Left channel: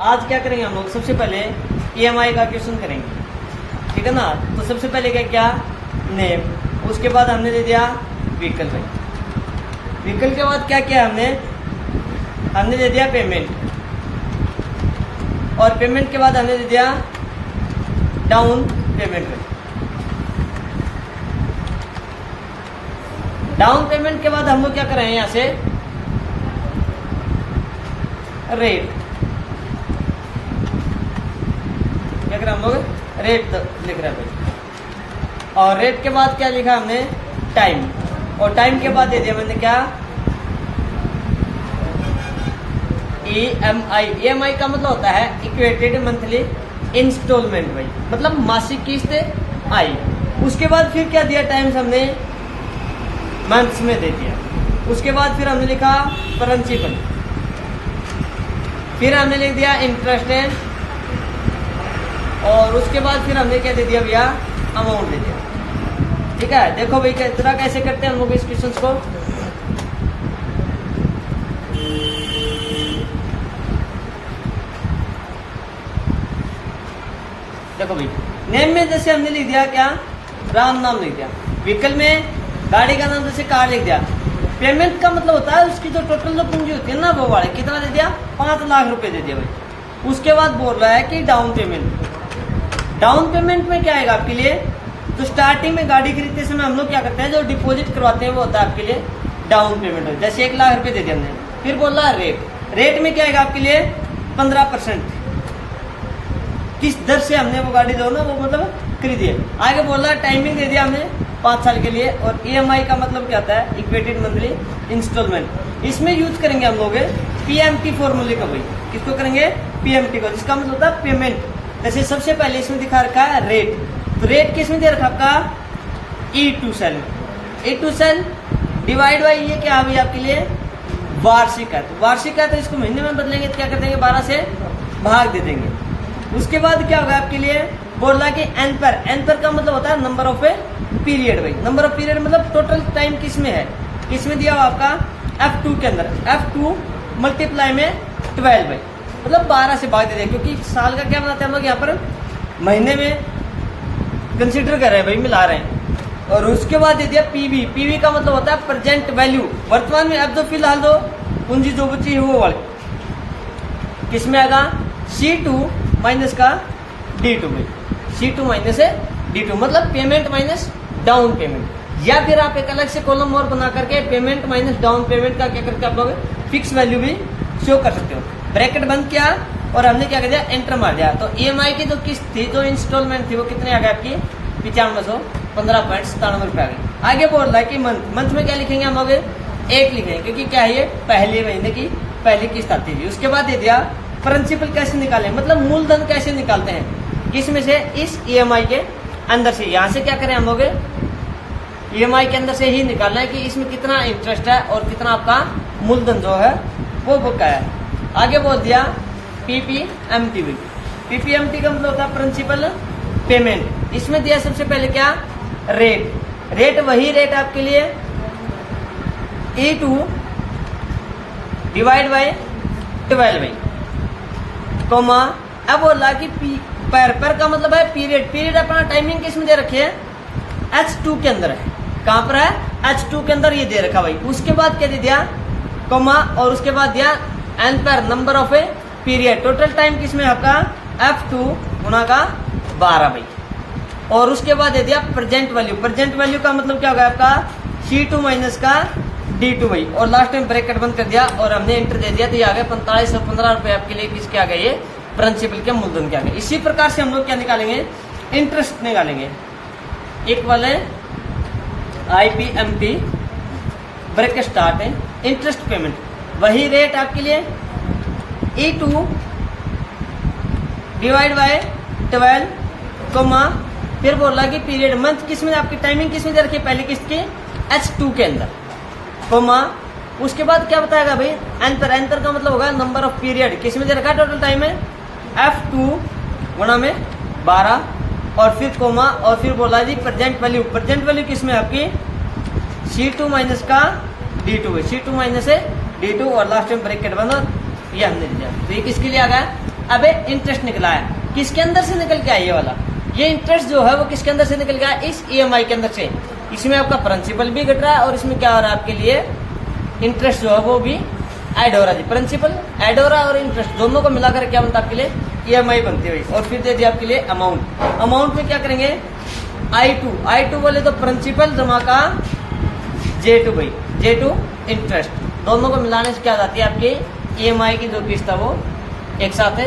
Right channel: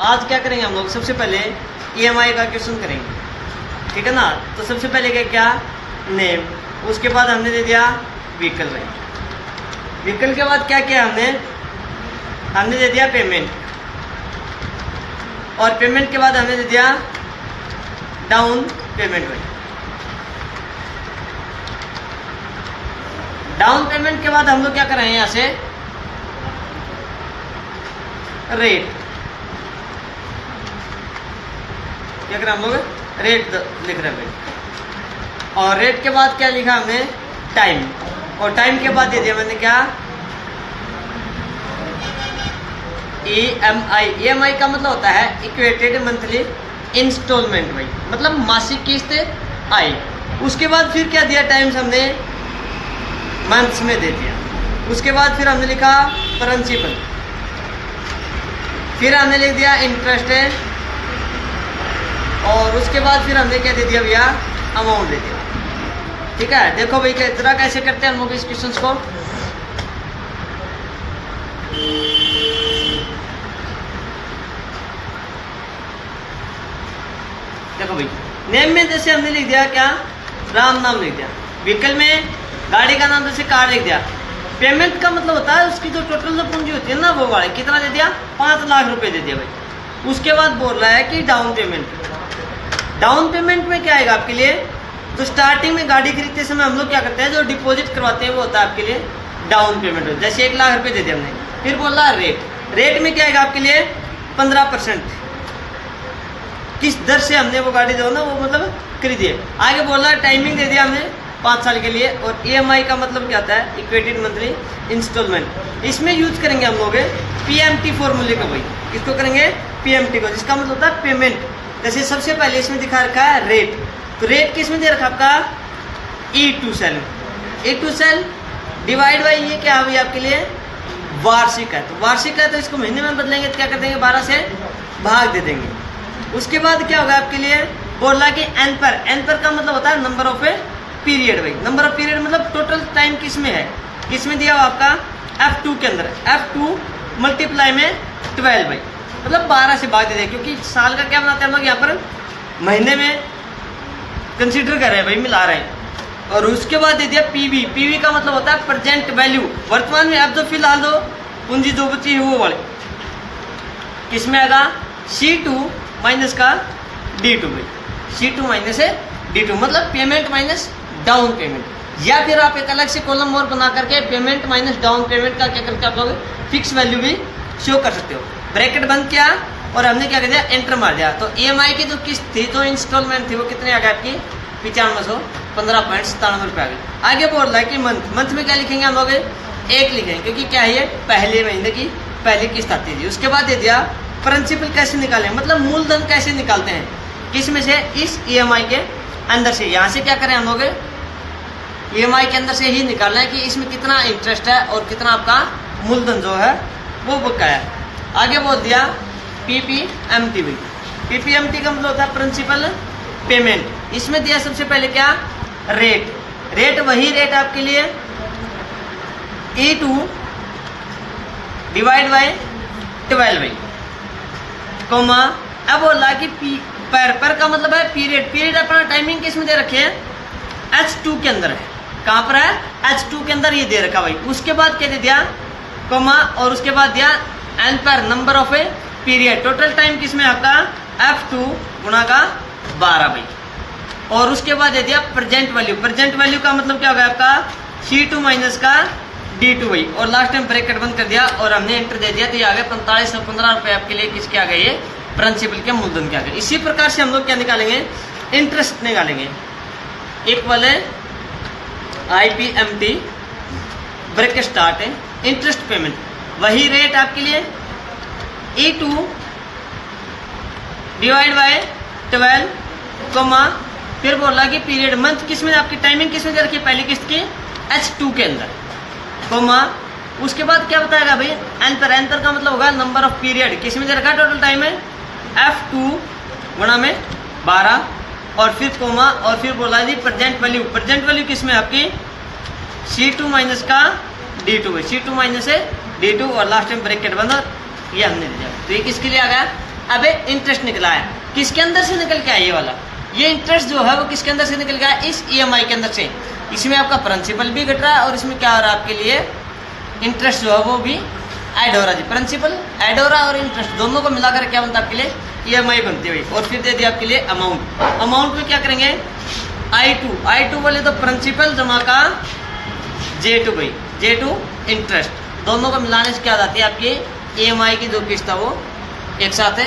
आज क्या करेंगे हम लोग, सबसे पहले ईएमआई का क्वेश्चन करेंगे, ठीक है ना। तो सबसे पहले क्या नेम, उसके बाद हमने दे दिया व्हीकल भाई। व्हीकल के बाद क्या किया हमने दे दिया पेमेंट, और पेमेंट के बाद हमने दे दिया डाउन पेमेंट भाई। डाउन पेमेंट के बाद हम लोग क्या कर रहे हैं, यहाँ से रेट, क्या कर रहे हैं हम लोग, रेट लिख रहे हैं भाई। और रेट के बाद क्या लिखा हमने, टाइम, और टाइम के बाद दे दिया मैंने क्या, EMI। EMI का मतलब होता है इक्वेटेड मंथली इंस्टॉलमेंट भाई, मतलब मासिक किस्त आई। उसके बाद फिर क्या दिया, टाइम्स हमने मंथ्स में दे दिया। उसके बाद फिर हमने लिखा प्रिंसिपल, फिर हमने लिख दिया इंटरेस्ट है, और उसके बाद फिर हमने क्या दे दिया भैया, अमाउंट दे दिया। ठीक है, देखो भाई किस तरह कैसे करते हैं हम लोग इस क्वेश्चन को। देखो भाई, नेम में जैसे हमने लिख दिया क्या, राम नाम लिख दिया। व्हीकल में गाड़ी का नाम जैसे कार लिख दिया। पेमेंट का मतलब होता है उसकी जो टोटल जो पूंजी होती है ना, वो वाले कितना दे दिया, 5 लाख रुपए दे दिया भाई। उसके बाद बोल रहा है कि डाउन पेमेंट। डाउन पेमेंट में क्या आएगा आपके लिए, तो स्टार्टिंग में गाड़ी खरीदते समय हम लोग क्या करते हैं, जो डिपॉजिट करवाते हैं वो होता है आपके लिए डाउन पेमेंट। जैसे 1 लाख रुपए दे दिया हमने। फिर बोल रहा है रेट, रेट में क्या आएगा आपके लिए 15%, किस दर से हमने वो गाड़ी दो ना वो मतलब खरीदी है। आगे बोल रहा है टाइमिंग दे दिया हमने 5 साल के लिए। और EMI का मतलब क्या होता है, इक्वेटेड मंथली इंस्टॉलमेंट। इसमें यूज करेंगे हम लोग PMT फॉर्मूले का भाई। किसको करेंगे, PMT को, जिसका मतलब होता है पेमेंट। जैसे सबसे पहले इसमें दिखा रखा है रेट, तो रेट किस में दे रखा आपका, E2 सेल में। E2 सेल डिवाइड बाई ये क्या हुई आपके लिए, वार्षिक है। तो वार्षिक है तो इसको महीने में बदलेंगे तो क्या कर देंगे, 12 से भाग दे देंगे। उसके बाद क्या होगा आपके लिए, बोला कि एन पर का मतलब होता है नंबर ऑफ ए पीरियड भाई। नंबर ऑफ पीरियड मतलब टोटल टाइम किस में है, किस में दिया हुआ आपका F2 के अंदर। F2 मल्टीप्लाई में 12 भाई, मतलब 12 से भाग दे देंगे, क्योंकि साल का क्या बनाते हैं हम लोग यहाँ पर महीने में कंसीडर कर रहे हैं भाई, मिला रहे हैं। और उसके बाद दे दिया PV का मतलब होता है प्रेजेंट वैल्यू, वर्तमान में अब जो फिलहाल जो पूंजी जो बची है वो वाले किस में आएगा, C2 माइनस का D2 में। C2 माइनस है D2 मतलब पेमेंट माइनस डाउन पेमेंट। या फिर आप एक अलग से कॉलम और बना करके पेमेंट माइनस डाउन पेमेंट का क्या करके आप लोग फिक्स वैल्यू भी शो कर सकते हो। ब्रैकेट बंद किया और हमने क्या कर दिया, एंटर मार दिया। तो EMI की जो किस्त थी, जो इंस्टॉलमेंट थी, वो कितने आ गए आपकी 9515.97 रुपये आ गए। आगे बोल रहा है कि मंथ में क्या लिखेंगे हम लोग, 1 लिखेंगे, क्योंकि क्या है ये पहले महीने की पहली किस्त आती थी। उसके बाद दे दिया प्रिंसिपल कैसे निकालें, मतलब मूलधन कैसे निकालते हैं, किस में से, इस EMI के अंदर से। यहाँ से क्या करें हम लोग, EMI के अंदर से ही निकालना है कि इसमें कितना इंटरेस्ट है और कितना आपका मूलधन जो है वो बकाया है। आगे बोल दिया PPMT भी। PPMT का मतलब होता है प्रिंसिपल पेमेंट। इसमें दिया सबसे पहले क्या, रेट। रेट वही रेट आपके लिए E2 डिवाइड बाय 12 भाई, कोमा। अब बोल रहा कि पर का मतलब है पीरियड। पीरियड अपना टाइमिंग किस में दे रखे हैं, H2 के अंदर है। कहाँ पर है, H2 के अंदर ये दे रखा भाई। उसके बाद क्या दे दिया, कोमा, और उसके बाद दिया एन पर number of a period. Total time किस में आपका F2 गुणा का 12 भाई। और उसके बाद दे दिया प्रेजेंट वैल्यू। प्रेजेंट वैल्यू का मतलब क्या होगा आपका C2 माइनस का D2 भाई। और लास्ट टाइम ब्रैकेट बंद कर दिया और हमने एंटर दे दिया, तो ये आ गए 4515 रुपये आपके लिए किसके आ गए, ये प्रिंसिपल के मूलधन के आ गए। इसी प्रकार से हम लोग क्या निकालेंगे, इंटरेस्ट निकालेंगे। एक वाले IPMT ब्रैकेट स्टार्ट है, इंटरेस्ट पेमेंट वही रेट आपके लिए E2 डिवाइड बाय 12 कोमा। फिर बोला कि पीरियड मंथ किस में आपकी टाइमिंग किस में दे रखी है, पहली किस्त के H2 के अंदर, कोमा। उसके बाद क्या बताएगा भाई, एंटर का मतलब होगा नंबर ऑफ पीरियड, किस में दे रखा टोटल टाइम है F2 गुणा में 12, और फिर कोमा, और फिर बोला जी प्रेजेंट वैल्यू। प्रेजेंट वैल्यू किस में आपकी C2 माइनस का D2 में, C2 माइनस है D2, और लास्ट टाइम ब्रैकेट बंद, ये हमने दिया। तो ये किसके लिए आ गया, अब इंटरेस्ट निकला है, किसके अंदर से निकल के आया ये वाला, ये इंटरेस्ट जो है वो किसके अंदर से निकल गया, इस EMI के अंदर से। इसमें आपका प्रिंसिपल भी घट रहा है और इसमें क्या हो रहा है आपके लिए, इंटरेस्ट जो है वो भी ऐड हो रहा है जी। प्रिंसिपल ऐड हो रहा है और इंटरेस्ट दोनों को मिलाकर क्या बनता है आपके लिए, EMI बनती है भाई। और फिर दे दिया आपके लिए अमाउंट, अमाउंट में क्या करेंगे, I2 बोले तो प्रिंसिपल जमा का J2 भाई, J2 इंटरेस्ट, दोनों को मिलाने से क्या आती है आपकी EMI की जो किस्त है वो एक साथ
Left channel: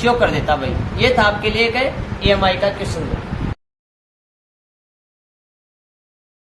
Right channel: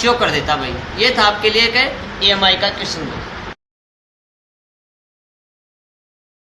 शो कर देता भाई। ये था आपके लिए एक EMI का क्वेश्चन।